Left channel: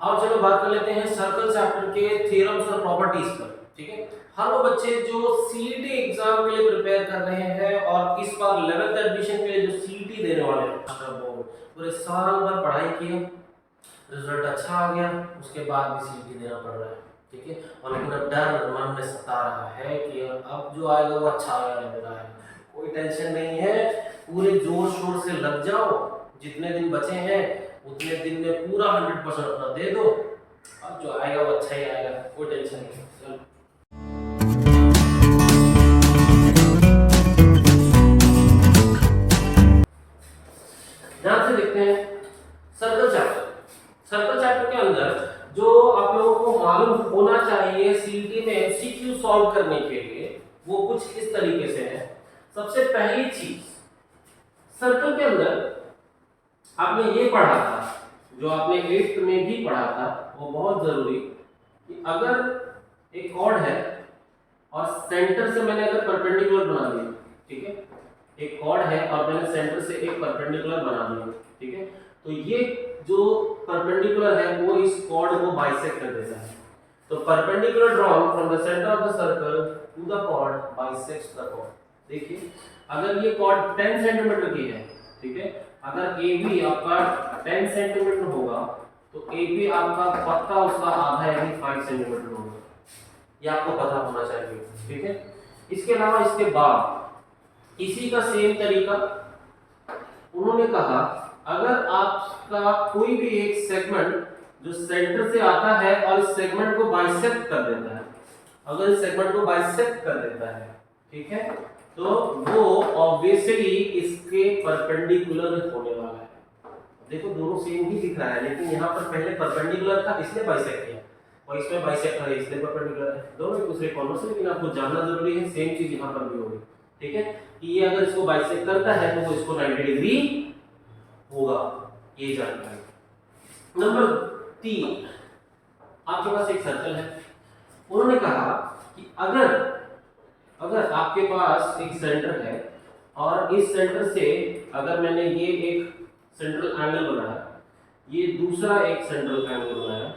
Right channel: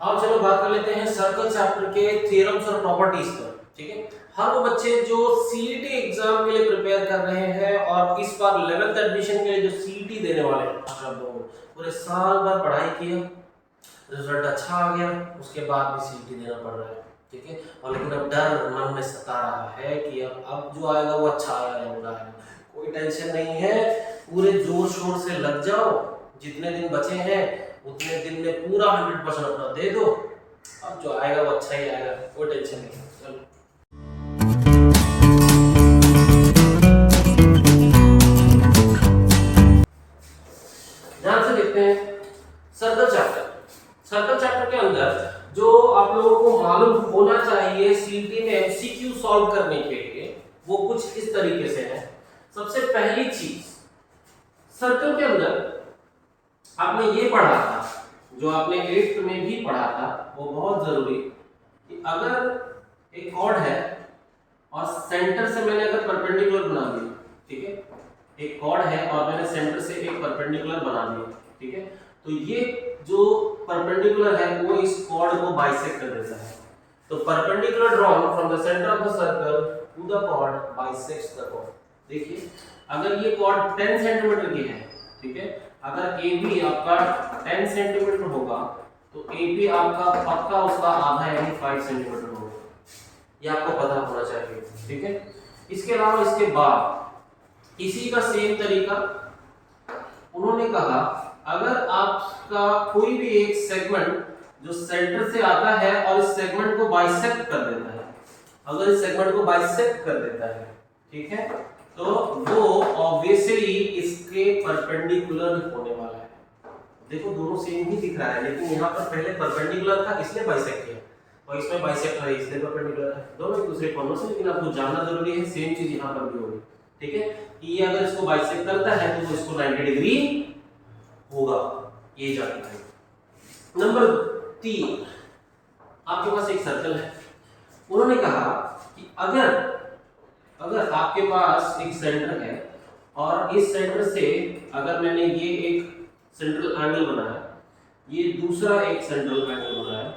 अब चलो बात कर लेते हैं सर्कल चैप्टर के थ्योरम्स और प्रॉपर्टीज पर। ठीक है, हर वो बच्चे जो सीईटी एग्जाम के लिए प्रिपेयर कर रहे हैं और इस बार 11th एडमिशन के लिए जो सीईटी देने वाले हैं, पूरे साल भर पढ़ाई किए, रिजल्ट अच्छा आ गया, उसके बाद भी सीईटी देना पड़ रहा है। ठीक है, और लेकिन अब डर मन में सता रहा है कि अब जो आएगा वो अच्छा आएगा या बुरा आएगा। कोई टेंशन नहीं है, पूरे जोर शोर से लग जाओ, जितने दिन बचे हैं उतने दिन में पूरा 100% अपना दे दो, अब जो आएगा वो अच्छा ही आएगा, कोई टेंशन नहीं। चलो ध्यान से देखते हैं सर्कल चैप्टर। सर्कल चैप्टर के अंदर जो आप लोगों को मालूम होना चाहिए सीईटी में एमसीक्यू सॉल्व करने के लिए, वो कुछ इस तरीके से है। सबसे पहली चीज, सर्कल के अंदर आपने ये पढ़ा था, जो आपने 8th में भी पढ़ा था, वो बहुत जरूरी, कि अगर एक कॉर्ड है और सेंटर से मैंने अगर परपेंडिकुलर बना दिया, ठीक है, एक कॉर्ड है और मैंने सेंटर से एक परपेंडिकुलर बना दिया, ठीक है, तो ये जो परपेंडिकुलर है वो इस कॉर्ड को बाइसेक्ट कर देता है। तो perpendicular drawn from the centre of the circle to the chord bisects the chord. देखिए, अगर ये कॉर्ड 10 सेंटीमीटर की है, ठीक है, अगर AB आपका 10 सेंटीमीटर होगा तो AB आपका पक्का उसका आधा यानी 5 सेंटीमीटर होगा, ये आपको पता होना चाहिए। ठीक है, इसके अलावा इसके बाद इसी का सेम तरीका उन्होंने कहा, अगर आपका कोई भी एक सेगमेंट जो सेंटर से आता है और इस सेगमेंट को बाइसेक्ट कर देता है, अगर इस सेगमेंट को बाइसेक्ट कर देता है, ठीक है, तो वो ऑब्वियसली इसके परपेंडिकुलर होने वाला है। देखो दोनों सेम ही दिख रहा है, लेकिन यहाँ पर पहले परपेंडिकुलर था इसलिए बाइसेक्ट किया, और इसमें बाइसेक्ट है इसलिए परपेंडिकुलर है, दोनों एक दूसरे कॉन्वर्स है, लेकिन आपको जानना जरूरी है सेम चीज यहाँ पर भी होगी। ठीक है, कि ये अगर इसको बाइसेक्ट करता है तो वो इसको 90 डिग्री होगा, ये जानना है। नंबर 3, आपके पास एक सर्कल है, उन्होंने कहा कि अगर आपके पास एक सेंटर है और इस सेंटर से अगर मैंने ये एक सेंट्रल एंगल बनाया, ये दूसरा एक सेंट्रल एंगल बनाया,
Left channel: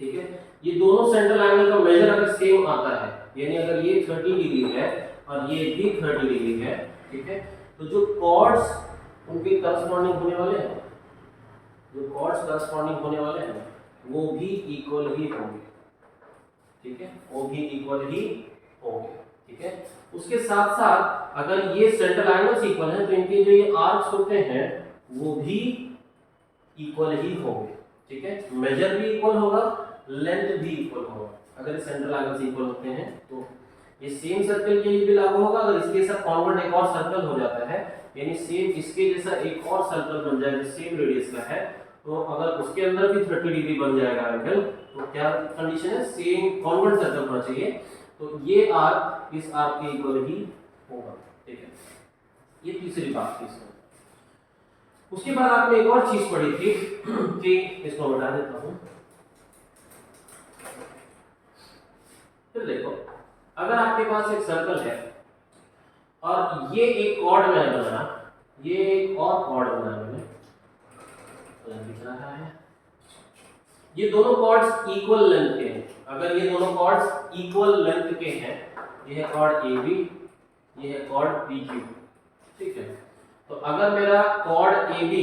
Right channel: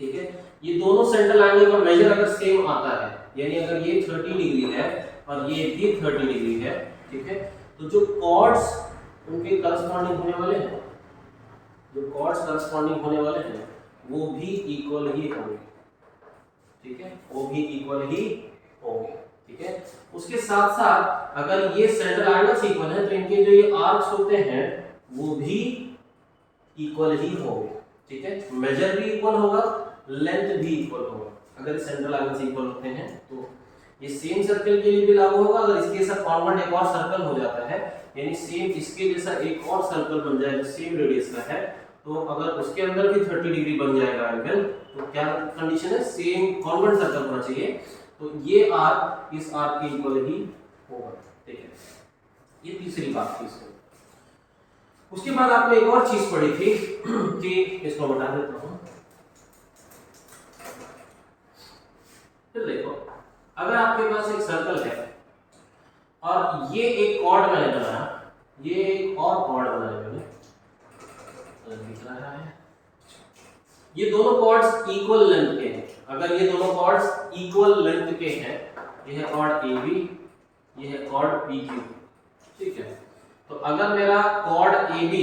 ठीक है, ये दोनों सेंट्रल एंगल का मेजर अगर सेम आता है, यानी अगर ये 30 डिग्री है और ये भी 30 डिग्री है, ठीक है, तो जो कॉर्ड्स उनके करस्पॉन्डिंग होने वाले हैं, जो कॉर्ड्स करस्पॉन्डिंग होने वाले हैं वो भी इक्वल ही होंगे। ठीक है, वो भी इक्वल ही होंगे। ठीक है, उसके साथ साथ अगर ये सेंट्रल एंगल्स इक्वल हैं तो इनके जो ये आर्क्स होते हैं वो भी इक्वल ही होंगे। ठीक है, मेजर भी इक्वल होगा, लेंथ भी इक्वल होगा। अगर सेंट्रल एंगल्स इक्वल होते हैं तो ये सेम सर्कल के लिए भी लागू होगा। अगर इसके साथ कॉन्वेंट एक और सर्कल हो जाता है, यानी सेम इसके जैसा एक और सर्कल बन जाए जो सेम रेडियस का है, तो अगर उसके अंदर भी 30 डिग्री बन जाएगा एंगल, तो क्या कंडीशन है, सेम कॉन्वेंट सर्कल होना चाहिए, तो ये आर्क इस आर्क के इक्वल ही होगा। ठीक है, ये तीसरी बात थी इसमें। उसके बाद आपने एक और चीज पढ़ी थी कि इसको बता देता हूं, फिर देखो, अगर आपके पास एक सर्कल है और ये एक कॉर्ड मैंने बनाया, ये एक और कॉर्ड बनाया मैंने, दिख रहा है, ये दोनों कॉर्ड्स इक्वल लेंथ के हैं। अगर ये दोनों कॉर्ड्स इक्वल लेंथ के हैं, ये है कॉर्ड AB, ये है कॉर्ड PQ। ठीक है, तो अगर मेरा कॉर्ड AB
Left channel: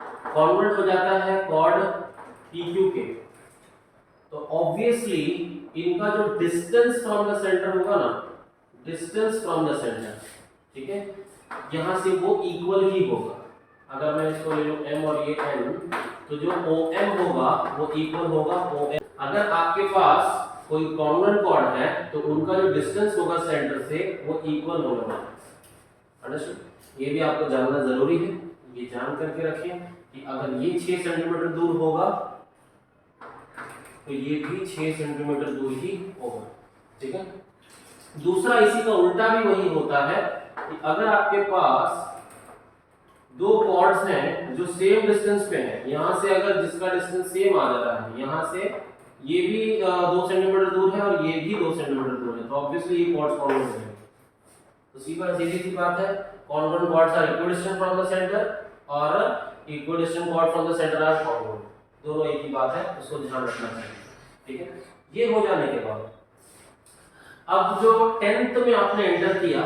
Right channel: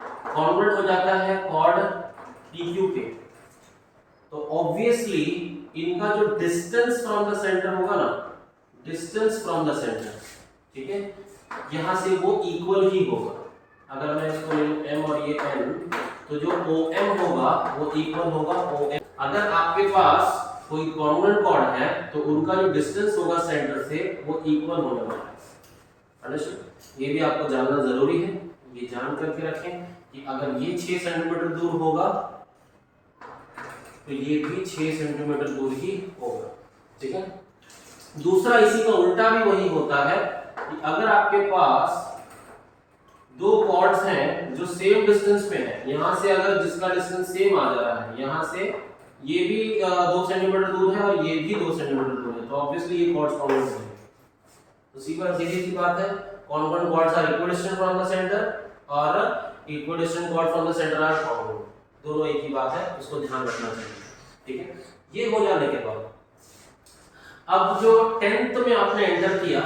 कन्वर्ट हो जाता है कॉर्ड PQ के, तो ऑब्वियसली इनका जो डिस्टेंस फ्रॉम द सेंटर होगा ना, डिस्टेंस फ्रॉम द सेंटर, ठीक है, यहां से वो इक्वल ही होगा। अगर मैं इसको ले लूं M और ये N, तो जो OM होगा वो इक्वल होगा OM। अगर आपके पास कोई कॉन्वेंट कॉर्ड है तो उनका जो डिस्टेंस होगा सेंटर से वो इक्वल होने वाला है। अंडरस्टूड? ये भी आपको जानना जरूरी है, ये जान करके रखें कि अगर ये 6 सेंटीमीटर दूर होगा तो ये भी 6 सेंटीमीटर दूर ही होगा। ठीक है, दूसरा इसी का उल्टा भी वही होता है कि अगर आपके पास दो कॉर्ड्स हैं जो सेम डिस्टेंस पे हैं, यहां से अगर जिसका डिस्टेंस सेम आ जा रहा है, यहां से ये भी 2 सेंटीमीटर दूर है और ये भी 2 सेंटीमीटर दूर है, तो ऑब्वियसली ये कॉर्ड्स कॉन्वेंट हो जाएंगे। तो सीधी सी बात है, convent chords are equidistant from the centre और equidistant chord from the centre are found, दोनों एक ही बात है, उसको ध्यान रखना चाहिए। ठीक है, ये हो जाने के बाद अब जो 10th में आपने एंटर किया,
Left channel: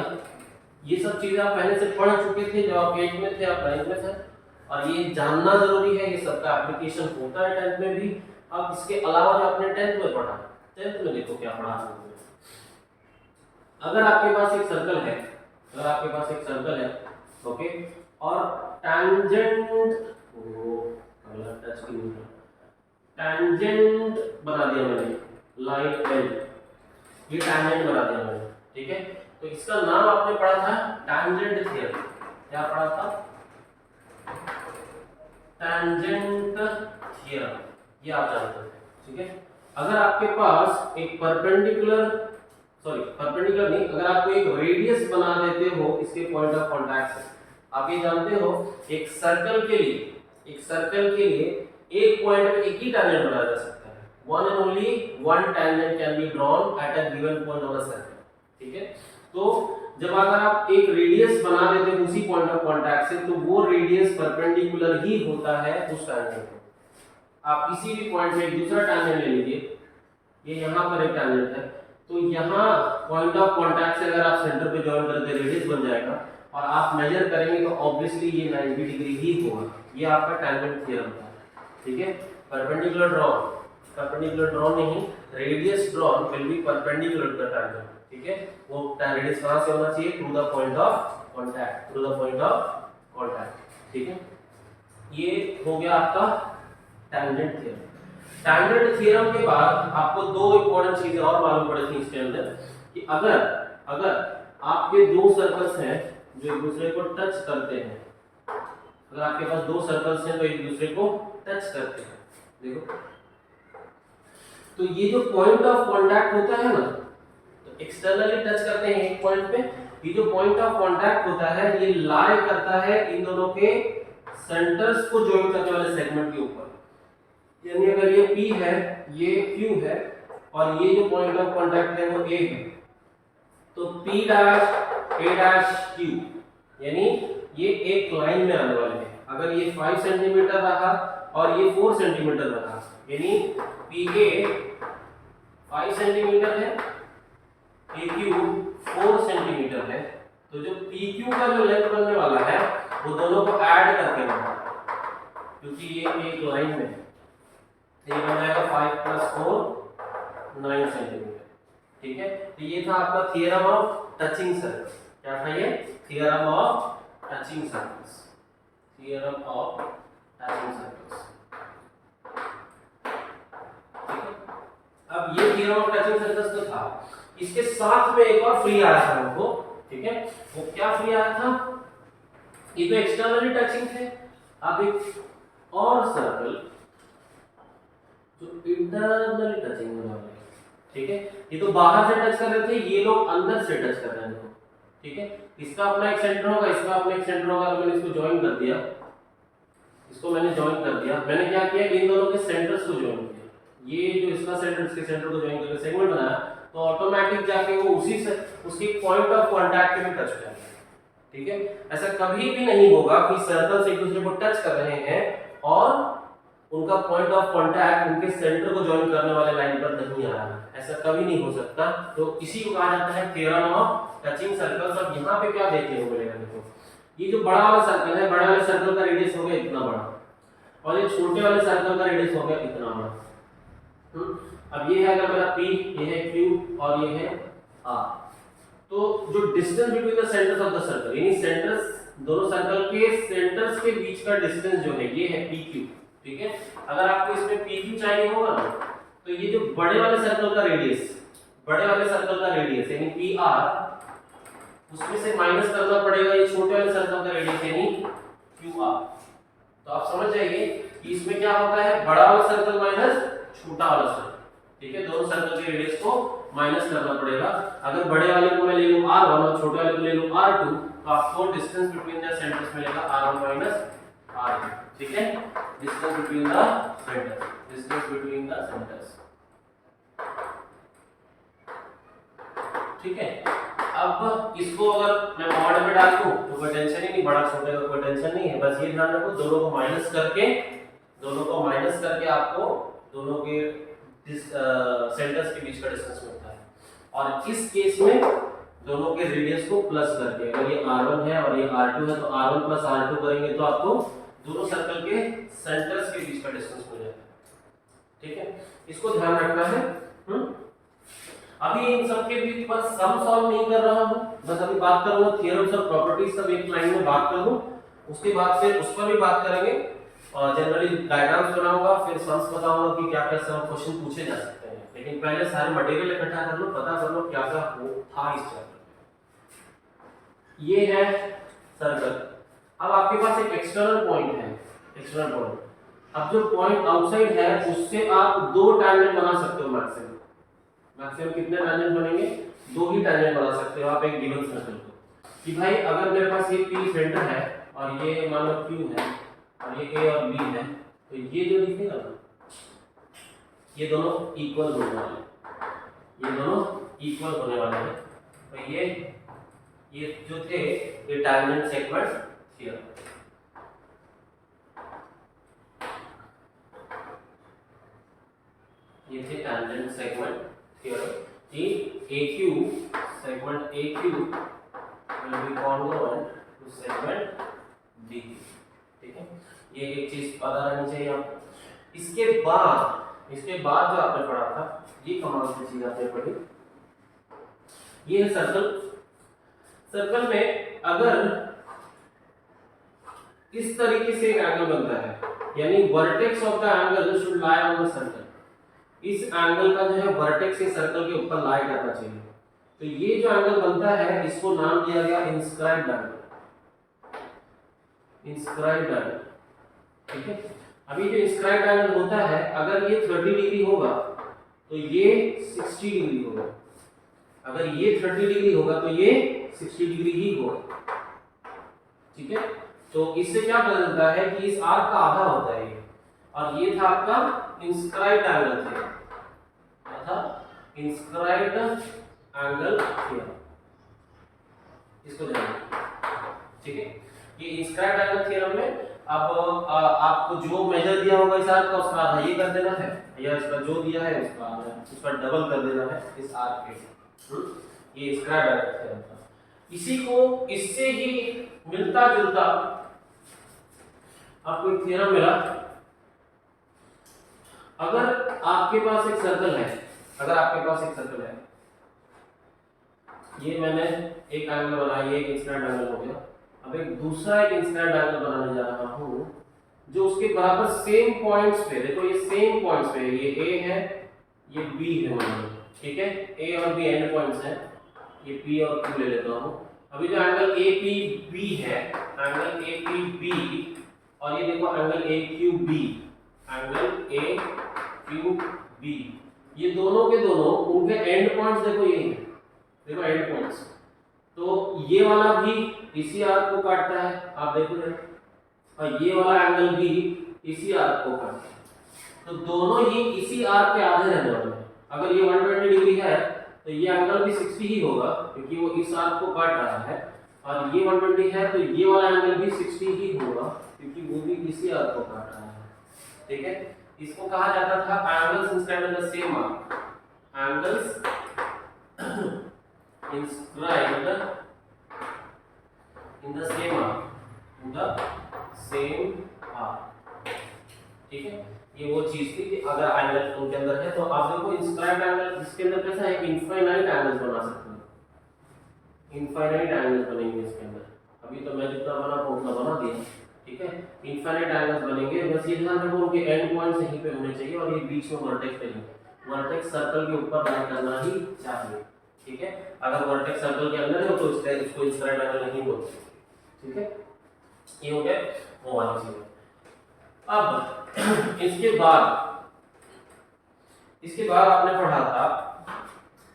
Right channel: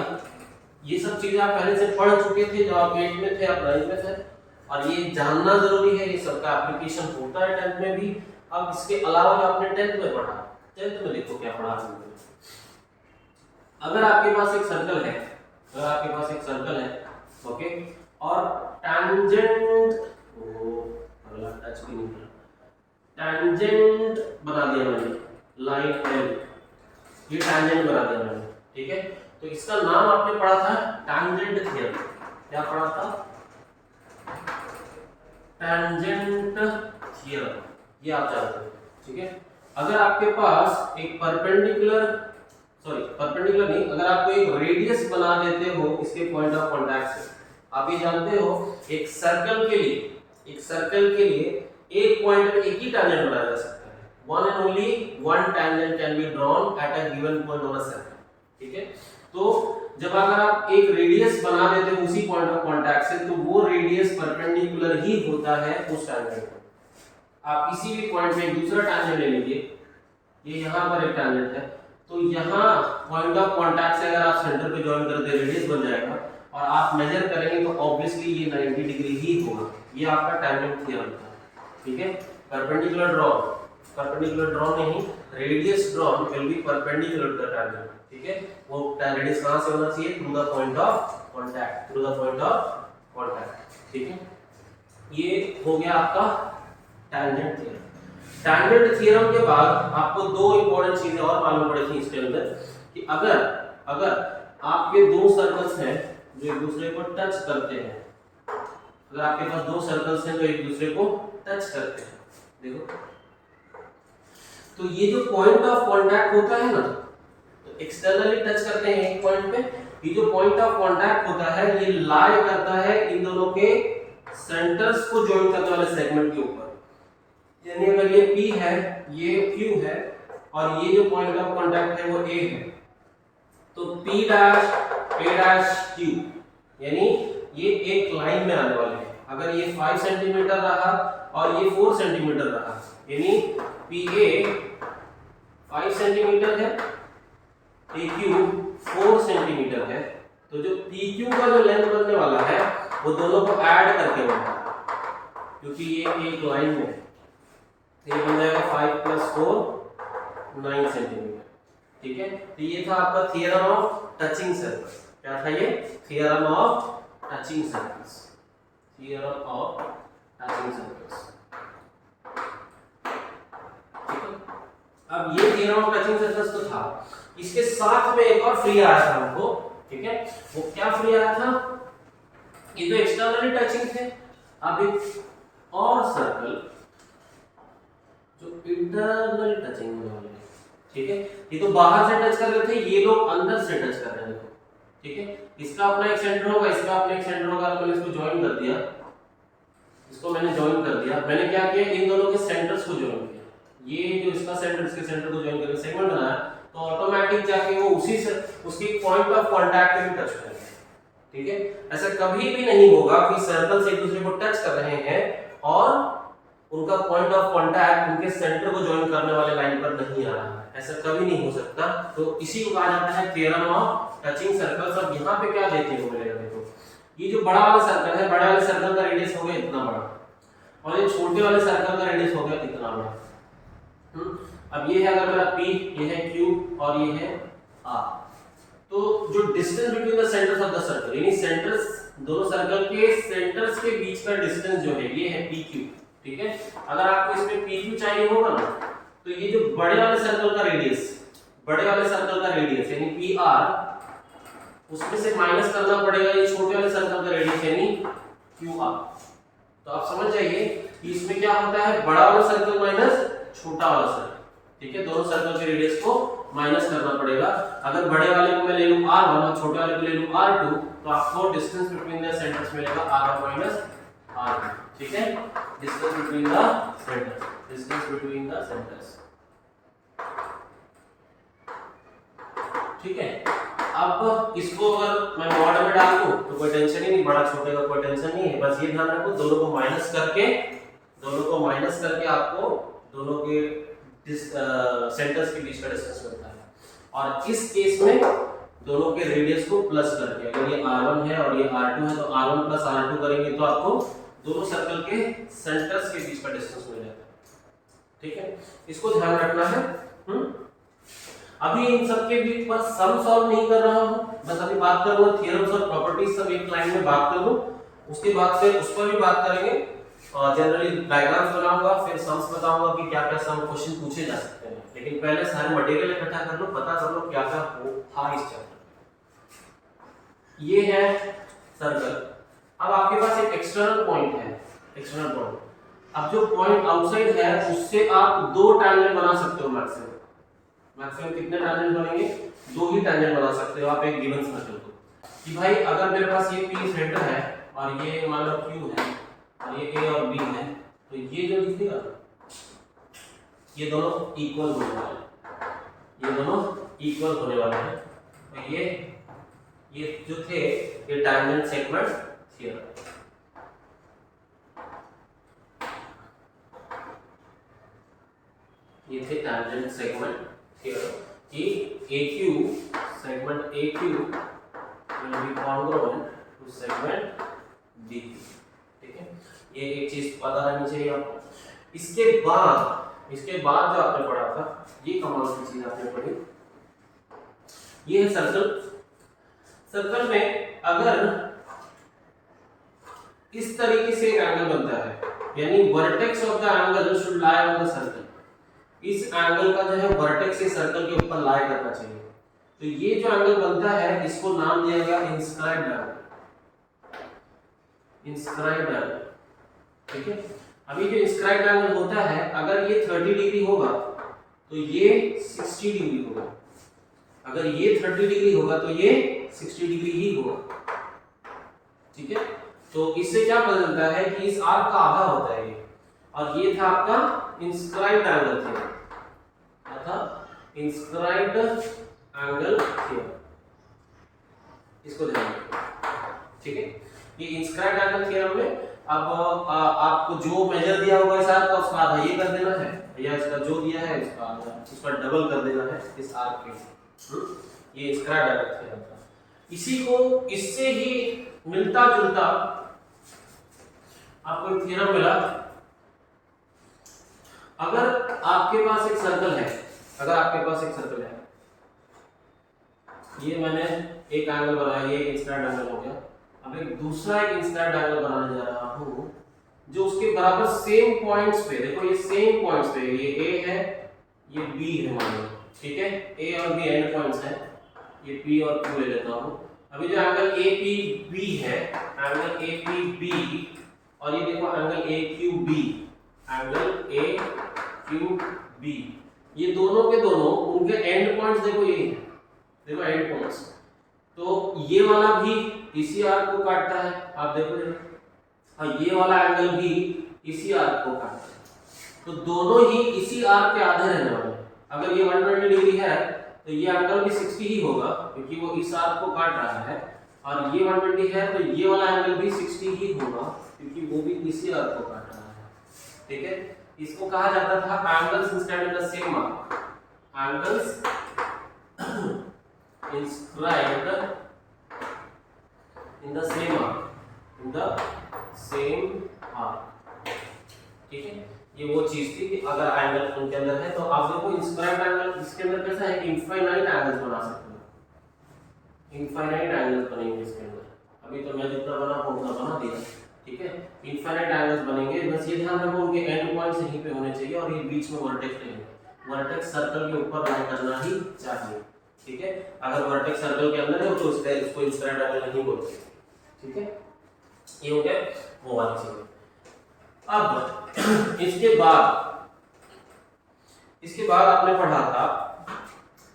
ये सब चीजें आप पहले से पढ़ चुके थे, जब आप 8th में थे, आप 9th में थे, और ये जानना जरूरी है, ये सबका एप्लीकेशन होता है 10th में भी। अब इसके अलावा जो आपने 10th में पढ़ा, 10th में देखो क्या पढ़ा आपने। अगर आपके पास एक सर्कल है, अगर आपके पास एक सर्कल है, ओके, और टैंजेंट, अगला टच की नहीं, टैंजेंट बना दिया मैंने, लाइन एल, ये टैंजेंट बना दिया मैंने। ठीक है, तो इसका नाम आपने पढ़ा था टैंजेंट थ्योरम। क्या पढ़ा था? टैंजेंट थ्योरम, ये आप जानते हैं। ठीक है, अगर आपके पास एक परपेंडिकुलर नहीं, अगर आपको एक रेडियस बना देते हो इसके पॉइंट ऑफ कांटेक्ट से, आप ये जानते हो एक सर्कल के लिए एक पॉइंट में एक ही टैंजेंट बनाया जा सकता है। One and only one tangent can be drawn at a given point on a circle. ठीक है, तो जब अगर आप एक रेडियस बना देते हो उसी पॉइंट ऑफ कांटेक्ट से, तो वो रेडियस परपेंडिकुलर ही होता है उस टैंजेंट को। आप किसी भी पॉइंट में एक दूसरा टैंजेंट ले लीजिए, ये यहाँ पर एक टैंजेंट है, तो यहाँ पॉइंट ऑफ कांटेक्ट से अगर आप सेंटर पे जॉइन करते रेडियस बन जाएगा, और आप मेजर करेंगे तो ऑब्वियसली ये 90 डिग्री ही होगा। ये आपका टैंजेंट थ्योरम था। ठीक है, परपेंडिकुलर ड्रॉन नहीं, radius drawn will be perpendicular to the tangent. ठीक है, वो रेडियस कहां से होना चाहिए? To the point of contact. ठीक है, ये हो गया आपका टैंजेंट थ्योरम। टैंजेंट थ्योरम के बाद आपको दो इंपॉर्टेंट चीजें और मालूम पड़ी थी इसके अंदर, कि अगर आपके दो सर्कल्स हैं जो एक दूसरे को टच करते हैं, अगर आपके पास दो सर्कल्स हैं जो एक दूसरे को टच करते हैं, देखो, तो ये जो पॉइंट ऑफ कांटेक्ट होता है ना, तो एक्सटर्नली टच करते हैं एक पॉइंट पे, ये जो पॉइंट ऑफ कांटेक्ट होता है ये लाई करता है इन दोनों के सेंटर्स को जॉइन करने वाले सेगमेंट के ऊपर। यानी अगर ये P है, ये Q है, और ये जो पॉइंट ऑफ कांटेक्ट है वो A है, तो P dash A dash Q, यानी ये एक लाइन में आने वाले हैं। अगर ये 5 सेंटीमीटर रहा और ये 4 सेंटीमीटर रहा, यानी PA 5 सेंटीमीटर है, PQ 4 सेंटीमीटर है, तो जो PQ का जो लेंथ बनने वाला है वो दोनों को ऐड करके बनेगा, क्योंकि ये एक लाइन में है, ये बन जाएगा 5 + 4 9 सेंटीमीटर। ठीक है, तो ये था आपका थ्योरम ऑफ टचिंग सर्कल्स। क्या था ये? Theorem of touching circles. Theorem of touching circles. ठीक है, अब ये थ्योरम ऑफ टचिंग सर्कल्स तो था, इसके साथ में एक और फ्री आया था हमको। ठीक है, वो क्या फ्री आया था? ये तो एक्सटर्नली टचिंग थे, अब एक और सर्कल जो इंटरनल टचिंग में वाले हैं। ठीक है, ये तो बाहर से टच कर रहे थे, ये लोग अंदर से टच कर रहे हैं। ठीक है, इसका अपना एक सेंटर होगा, इसका अपना एक सेंटर होगा, मैंने इसको ज्वाइन कर दिया, इसको मैंने ज्वाइन कर दिया। मैंने क्या किया? इन दोनों के सेंटर्स को ज्वाइन किया, ये जो इसका सेंटर इसके सेंटर को ज्वाइन करके सेगमेंट बनाया, तो ऑटोमेटिक जाके वो उसी से उसकी पॉइंट ऑफ कांटेक्ट में टच करेंगे। ठीक है, ऐसा कभी भी नहीं होगा कि सर्कल्स एक दूसरे को टच कर रहे हैं और उनका पॉइंट ऑफ कांटेक्ट उनके सेंटर को ज्वाइन करने वाले लाइन पर नहीं आ रहा है, ऐसा कभी नहीं हो सकता। तो इसी को कहा जाता है थ्योरम ऑफ टचिंग सर्कल्स। अब यहाँ पे क्या देखने को मिलेगा? देखो, ये जो बड़ा वाला सर्कल है, बड़ा वाले सर्कल का रेडियस हो गया इतना बड़ा, और ये छोटे वाले सर्कल का रेडियस हो गया इतना बड़ा। अब ये है अगर मेरा P, ये है Q और ये है R, तो जो distance between the centres of the circle, यानी सेंटर्स, दोनों सर्कल के सेंटर्स के बीच का डिस्टेंस जो है ये है PQ। ठीक है, अगर आपको इसमें PQ चाहिए होगा ना, तो ये जो बड़े वाले सर्कल का रेडियस, यानी PR, उसमें से माइनस करना पड़ेगा ये छोटे वाले सर्कल का रेडियस यानी QR। तो आप समझ जाइए कि इसमें क्या होता है, बड़ा वाला सर्कल माइनस छोटा वाला सर्कल। ठीक है, दोनों सर्कल के रेडियस को माइनस करना पड़ेगा। अगर बड़े वाले को मैं ले लूं R1 और छोटे वाले को ले लूं R2, तो आपको डिस्टेंस बिटवीन द सेंटर्स मिलेगा R1 - R2। ठीक है, डिस्टेंस बिटवीन द सेंटर्स। ठीक है, अब इसको अगर मैं मॉड में डाल दूं तो कोई टेंशन ही नहीं, बड़ा छोटे का कोई टेंशन नहीं है। बस ये ध्यान रखो दोनों को माइनस करके आपको दोनों के सेंटर्स के बीच का डिस्टेंस मिलता है। और इस केस में दोनों के रेडियस को प्लस करके, अगर ये r1 है और ये r2 है तो r1 प्लस r2 करेंगे तो आपको दोनों सर्कल के सेंटर्स के बीच का डिस्टेंस मिल जाता है। ठीक है, इसको ध्यान रखना है। अभी इन सब के बीच बस सम सॉल्व नहीं कर रहा हूं, बस अभी बात करूंगा थ्योरम्स और प्रॉपर्टीज सब एक लाइन में बात कर लूं, उसके बाद फिर उस पर भी बात करेंगे और जनरली डायग्राम्स बनाऊंगा, फिर सम्स बताऊंगा कि क्या-क्या सम क्वेश्चन पूछे जा सकते हैं। लेकिन पहले सारे मटेरियल इकट्ठा कर लो, पता कर लो क्या-क्या था इस चैप्टर में। ये है सर्कल। अब आपके पास एक एक्सटर्नल पॉइंट है, एक्सटर्नल पॉइंट। अब जो पॉइंट आउटसाइड है उससे आप दो टैंजेंट बना सकते हो मैक्सिमम। मैक्सिमम कितने टैंजेंट बनेंगे? दो ही टैंजेंट बना सकते हो आप एक गिवन सर्कल को। कि भाई अगर मेरे पास ये P सेंटर है और ये मान लो Q है और ये A और B है, तो ये जो दिखेगा ना, ये दोनों इक्वल होने वाले हैं, ये दोनों इक्वल होने वाले हैं। तो ये जो थे ये टैंजेंट सेगमेंट थ्योरम। ये थे टैंजेंट सेगमेंट थ्योरम कि AQ segment AQ will be congruent to segment B। ठीक है, ये एक चीज पता रहनी चाहिए आपको। इसके बाद जो आपने पढ़ा था, ये कमाल की चीज आपने पढ़ी, ये है सर्कल। सर्कल में अगर इस तरीके से एक एंगल बनता है, यानी vertex of the angle should lie on the circle, इस एंगल का जो है वर्टेक्स ये सर्कल के ऊपर लाई करना चाहिए। तो ये जो एंगल बनता है इसको नाम दिया गया इंस्क्राइब्ड एंगल, इंस्क्राइब्ड एंगल। ठीक है, अभी जो इंस्क्राइब्ड एंगल होता है, अगर ये 30 डिग्री होगा तो ये 60 डिग्री होगा, अगर ये 30 डिग्री होगा तो ये 60 डिग्री ही होगा। ठीक है, तो इससे क्या पता चलता है कि इस आर्क का आधा होता है ये, और ये था आपका इंस्क्राइब्ड एंगल थ्योरम। क्या था? Inscribed angle theorem. इसको ध्यान रखिए। ठीक है, ये इंस्क्राइब्ड एंगल थ्योरम में अब आपको जो मेजर दिया होगा इस आर्क का, उसका आधा ये कर देना है, या इसका जो दिया है उसका डबल कर देना है इस आर्क के। ये इंस्क्राइब्ड एंगल थ्योरम था। इसी को इससे ही मिलता जुलता आपको एक थ्योरम मिला। अगर आपके पास एक सर्कल है, अगर आपके पास एक सर्कल है, ये मैंने एक एंगल बनाया, ये एक इंस्क्राइब्ड एंगल हो गया। अब एक दूसरा एक इंस्क्राइब्ड एंगल बनाने जा रहा हूं जो उसके बराबर सेम पॉइंट्स पे, देखो ये सेम पॉइंट्स पे, ये A है, ये B है मान लो। ठीक है, A और B एंड पॉइंट्स हैं, ये P और Q ले लेता हूं। अभी जो एंगल APB है, एंगल APB, और ये देखो एंगल AQB, एंगल AQB, ये दोनों के दोनों उनके एंड पॉइंट्स देखो ये हैं, देखो एंड पॉइंट्स। तो ये वाला भी इसी आर्क को काटता है, आप देखो जरा, और ये वाला एंगल भी इसी आर्क को काटता है। तो दोनों ही इसी आर्क के आधे रहने वाले हैं। अगर ये 120 डिग्री है तो ये एंगल भी 60 ही होगा, क्योंकि वो इस आर्क को काट रहा है, और ये 120 है तो ये वाला एंगल भी 60 ही होगा, क्योंकि वो भी इसी आर्क को काट रहा है। ठीक है, इसको कहा जाता था angles inscribed in the same arc, angles inscribed in the same arc, in the same arc। ठीक है, ये वो चीज थी कि अगर एंगल उनके अंदर है तो आप देखो इंस्क्राइब्ड एंगल इसके अंदर कैसा है कि इनफाइनाइट एंगल्स बना सकते हो, इनफाइनाइट एंगल्स बनेंगे इसके अंदर। अभी तो मैं जितना बना उतना बना दिया। ठीक है, इनफाइनाइट एंगल्स बनेंगे, बस ये ध्यान रखो उनके एंड पॉइंट्स यहीं पे होने चाहिए और ये बीच में वर्टेक्स रहेंगे, वर्टेक्स सर्कल के ऊपर लाई करना ही चाहिए। ठीक है, अगर वर्टेक्स सर्कल के अंदर है तो इसको इंस्क्राइब्ड एंगल नहीं बोलते। ठीक है, ये हो गया वो वाली चीज। अब इसके बाद आपने पढ़ा था,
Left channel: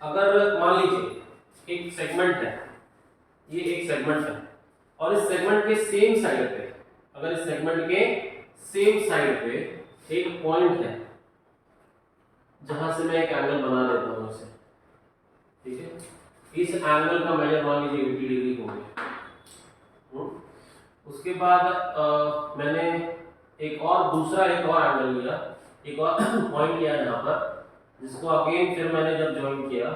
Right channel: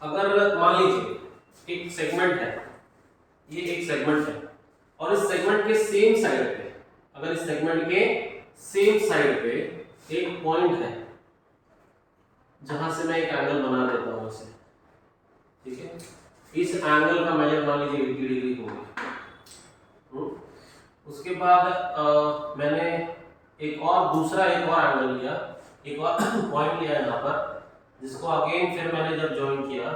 अगर मान लीजिए एक सेगमेंट है, ये एक सेगमेंट है, और इस सेगमेंट के सेम साइड पे, अगर इस सेगमेंट के सेम साइड पे एक पॉइंट है जहां से मैं एक एंगल बना देता हूं इसे। ठीक है, इस एंगल का मेजर मान लीजिए 80 डिग्री हो गया। उसके बाद मैंने एक और एंगल लिया, एक और पॉइंट लिया यहाँ पर, जिसको अगेन फिर मैंने जब ज्वाइन किया,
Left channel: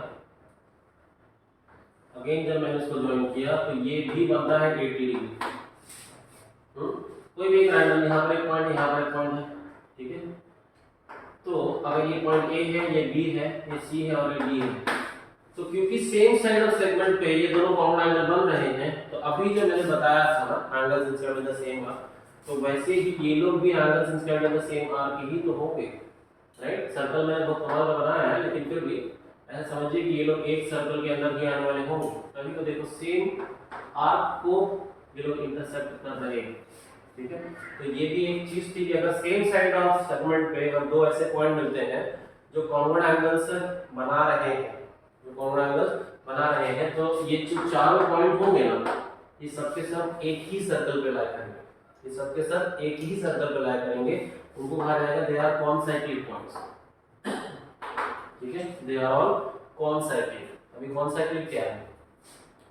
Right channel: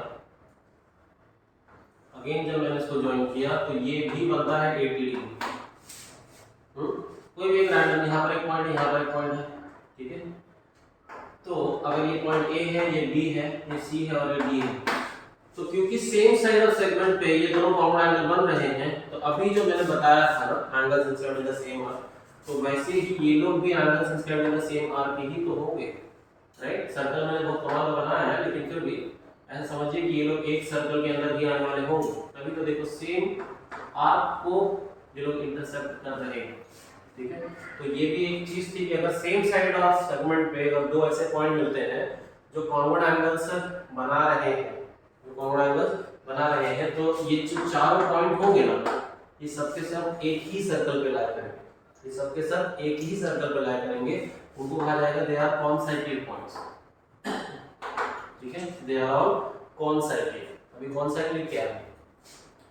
इसको ज्वाइन किया तो ये भी बनता है 80 डिग्री। कोई भी एक रैंडम, यहाँ पर एक पॉइंट है, यहाँ पर एक पॉइंट है, ठीक है। तो अगर ये पॉइंट ए है, ये बी है, ये सी है और ये डी है, तो क्योंकि सेम साइड ऑफ सेगमेंट पे ये दोनों कॉमन एंगल बन रहे हैं, तो अभी जो मैंने बताया था ना angles instead in the same arc, तो वैसे ही ये लोग भी angles instead in the same arc ही तो होंगे, राइट। सर्कल मैंने बहुत कमाल का बनाया है, लेकिन फिर भी ऐसा समझिए कि ये लोग एक सर्कल के अंदर ही आने वाले होंगे, तभी तो देखो सेम आर्क को ये लोग इंटरसेक्ट कर रहे हैं, ठीक है। तो ये भी एक चीज थी कि अगर सेम साइड ऑफ सेगमेंट पे अगर दो ऐसे पॉइंट मिलते हैं जो कॉन्वेड एंगल्स बना रहे हैं, तो ये जो चारों पॉइंट होंगे ना, ये सबके सब एक ही सर्कल पे लाया करेंगे, उनको कहा जाएगा दे आर कॉन्साइक्लिक पॉइंट्स, ठीक है। They are all concyclic. अभी कॉन्साइक्लिक क्या है?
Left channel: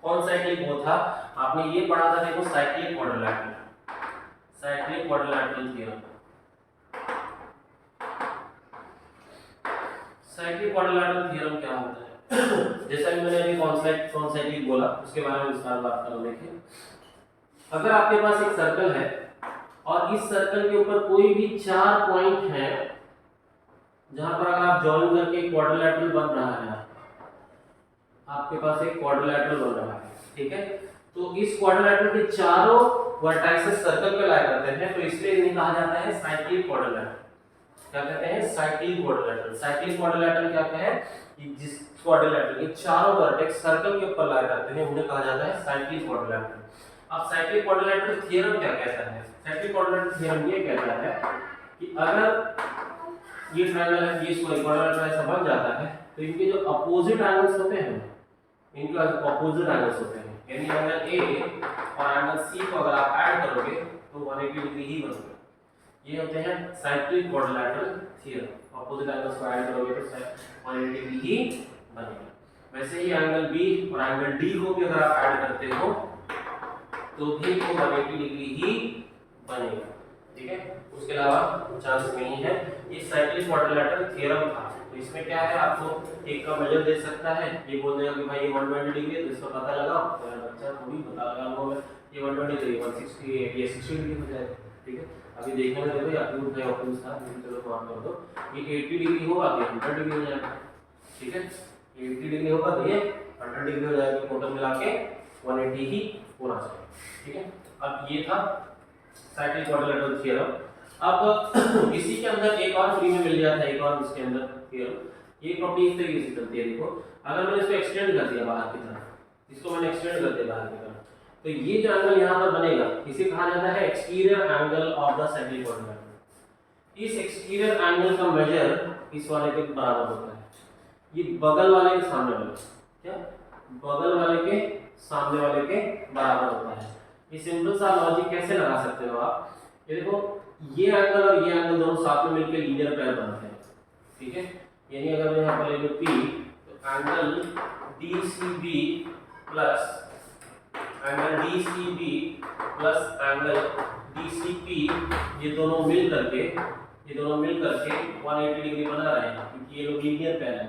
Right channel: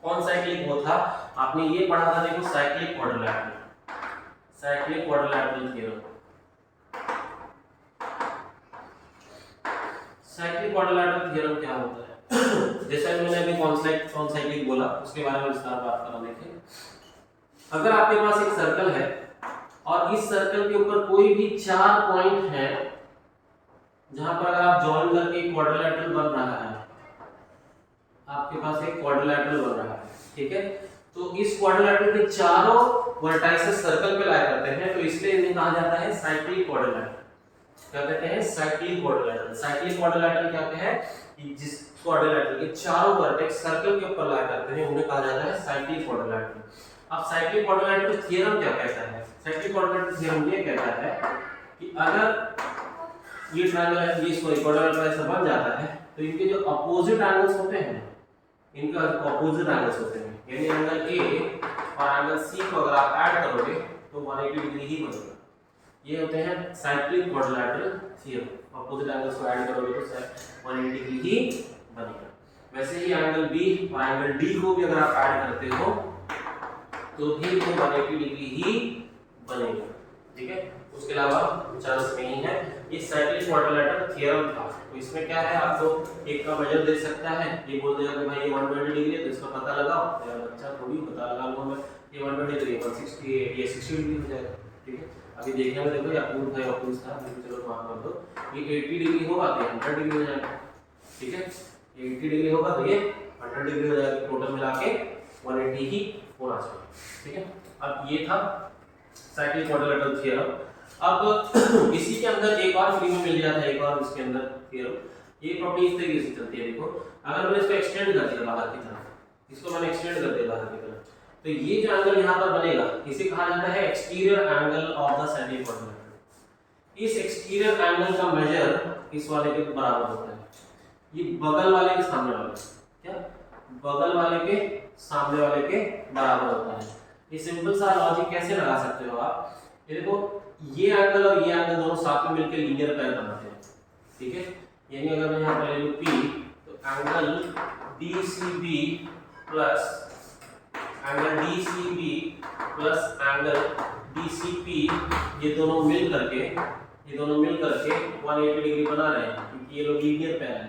कॉन्साइक्लिक वो था, आपने ये पढ़ा था, देखो cyclic quadrilateral theorem. Cyclic quadrilateral theorem क्या होता है? जैसा कि मैंने अभी कॉन्साइक्लिक बोला, उसके बारे में विस्तार बात करो। देखिए, अगर आपके पास एक सर्कल है और इस सर्कल के ऊपर कोई भी चार पॉइंट हैं, जहां पर अगर आप ज्वाइन करके एक क्वाड्रिलैटरल बन रहा है, आपके पास एक क्वाड्रिलैटरल बन रहा है, ठीक है। तो इस क्वाड्रिलैटरल के चारों वर्टाइसेस सर्कल पे लाया करते हैं, तो इसलिए इन्हें कहा जाता है साइक्लिक क्वाड्रिलैटरल। क्या कहते हैं? Cyclic quadrilateral. साइक्लिक क्वाड्रिलैटरल क्या है कि जिस क्वाड्रिलैटरल के चारों वर्टेक्स सर्कल के ऊपर लाया करते हैं, उन्हें कहा जाता है साइक्लिक क्वाड्रिलैटरल। अब साइक्लिक क्वाड्रिलैटरल थ्योरम क्या कहता है? साइक्लिक क्वाड्रिलैटरल थ्योरम ये कहता है कि अगर ये ट्रायंगल है, ये क्वाड्रिलैटरल ऐसा बन जाता है, तो इनके जो अपोजिट एंगल्स होते हैं, यानी एंगल ए और एंगल सी को अगर आप ऐड करोगे तो 180 डिग्री ही बनेगा। ये होते हैं cyclic quadrilateral theorem. Opposite angles को ऐड करोगे तो 180 डिग्री ही बनेगा। वैसे ही एंगल बी और एंगल डी को भी अगर आप ऐड करते हो तो भी वो 180 डिग्री ही बनेगा, ठीक है। उसके अलावा चांस नहीं है। ये साइक्लिक क्वाड्रिलैटरल थ्योरम था। तो इसमें क्या है, आपको एक का मेजर दे सकता है, ये बोल देगा कि भाई ये 120 डिग्री है, तो इसका पता लगाओ। तो बच्चा थोड़ी पता लगा लो, मैं ये 120 डिग्री 168 ये 60 डिग्री हो जाएगा, ठीक है। अभी देखने में देखो ये अपूर्ण था, अपूर्ण था, लेकिन चलो माफ कर दो, ये 80 डिग्री होगा तो 100 डिग्री हो जाएगा, ठीक है। ये 80 डिग्री होगा तो ये 100 डिग्री हो जाएगा, टोटल मिला के 180 ही होना चाहिए, ठीक है। अब ये था साइक्लिक क्वाड्रिलैटरल थ्योरम। अब इसी के अंदर एक और फ्री में मिल जाता है, एक और इसके अंदर थ्योरम। ये प्रॉपर्टी इस तरीके से चलती है, देखो अगर मैंने इसको एक्सटेंड कर दिया बाहर की तरफ, इसको मैंने एक्सटेंड कर दिया बाहर की तरफ, तो ये जो एंगल यहाँ पर बनेगा, इसे कहा जाता है exterior angle of the cyclic quadrilateral. इस एक्सटीरियर एंगल का मेजर इस वाले के बराबर होता है, ये बगल वाले के सामने वाले, क्या बगल वाले के सामने वाले के बराबर होता है। ये सिंपल सा लॉजिक कैसे लगा सकते हो आप? ये देखो, ये एंगल और ये एंगल दोनों साथ में मिलकर लीनियर पेयर बनते हैं, ठीक है। यानी अगर मैं यहाँ पर ले लूँ P, तो angle DCB plus angle DCP, ये दोनों मिल करके 180 डिग्री बना रहे हैं, क्योंकि ये लोग लीनियर पेयर हैं।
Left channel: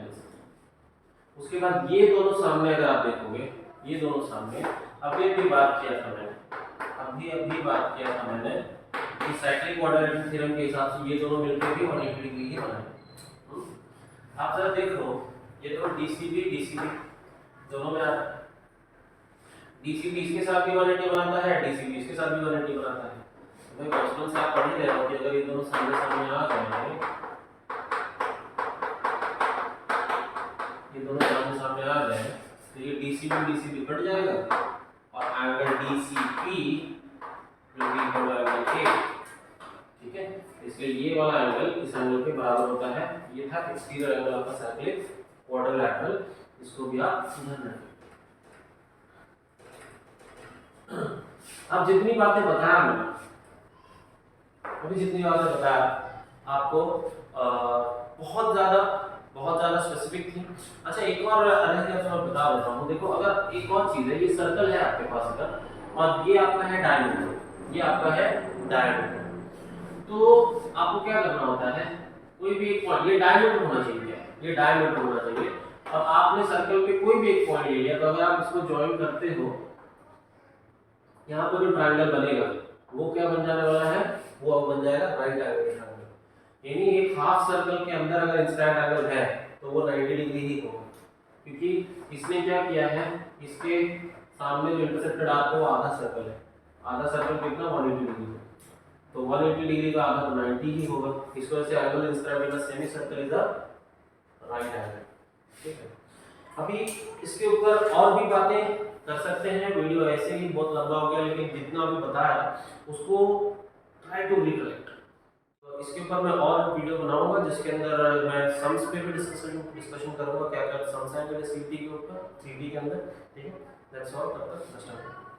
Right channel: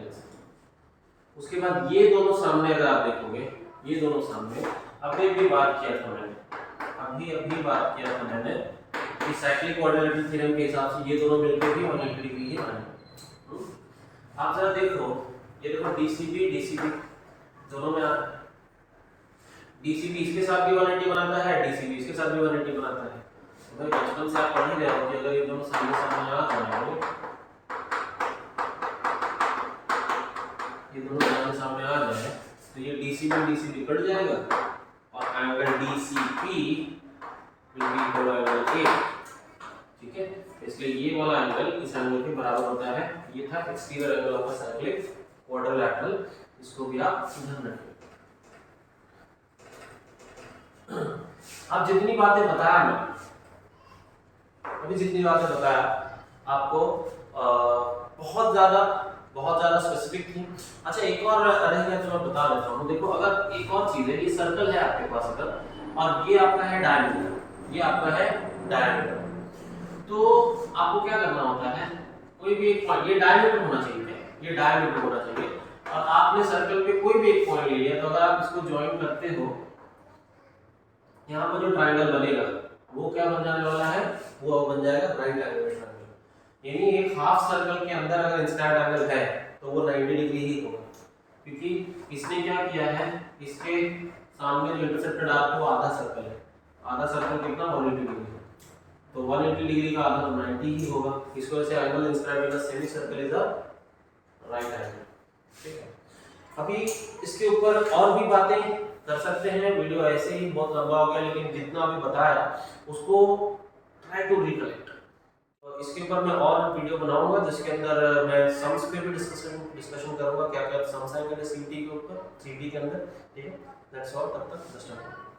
उसके बाद ये दोनों सामने अगर आप देखोगे, ये दोनों सामने अभी बात किया था मैंने कि साइक्लिक क्वाड्रिलैटरल थ्योरम के हिसाब से ये दोनों मिलकर भी 180 डिग्री ही बनेंगे। आप जरा देखो, ये देखो DCB दोनों में आप DCB इसके साथ भी 180 बनाता है, DCB इसके साथ भी 180 बनाता है। तो भाई बचपन से आप पढ़ ही रहे हो कि अगर ये दोनों सामने आ जाए, ये दोनों सामने आ जाए, तो ये DCB कट जाएगा और angle DCP will be equal to angle A, ठीक है। इसलिए ये वाला एंगल इस एंगल के बराबर होता है। ये था exterior angle of the cyclic quadrilateral, इसको भी आप ध्यान रखिए। अब जितनी बातें बताया मैंने, आपको बहुत ज्यादा बहुत ज़्यादा स्पेसिफिक थी। अच्छा एक और रह गया जो मैं बता देता हूँ। देखो अगर एक और चीज़ है, ये सर्कल है आपके पास अगर, और ये आपका है डायमीटर, ये आपका है डायमीटर, तो आपको क्या करना होता है, कोई भी एक पॉइंट, ये डायमीटर होना चाहिए, क्या है? ये डायमीटर होना चाहिए, और आपने सर्कल पे कोई भी एक पॉइंट ले लिया, तो अगर आप इसको ज्वाइन करते हो, यहाँ पर जो ट्रायंगल बनेगा वो क्या बन जाने वाला है, वो बन जाएगा राइट एंगल ट्रायंगल। यानी एक हाफ सर्कल के अंदर अगर इंस्टेंट एंगल है तो वो 90 डिग्री ही होगा, क्योंकि इसने क्या किया है, इसके सामने जो इंटरसेप्टेड आर्क है वो आधा सर्कल है, आधा सर्कल कितना 180 डिग्री, तो 180 डिग्री का आधा 90 ही होगा। इस वजह से angle inscribed in the semi circle is a right angle. ठीक है, अभी इसके ऊपर और भी बातें कर सकते हैं, वीडियो ऐसे ही बहुत लंबा हो गया, लेकिन जितना भी बताया उसको ट्राई टू रिकलेक्ट। तो इसके ऊपर मैं और वीडियो बनाऊंगा जिसके अंदर मैं सम्स पे भी डिस्कशन करूंगा, क्या क्या सम्स आएंगे सीटी के ऊपर, सीटी के अंदर। ठीक है, दैट्स ऑल, तब तक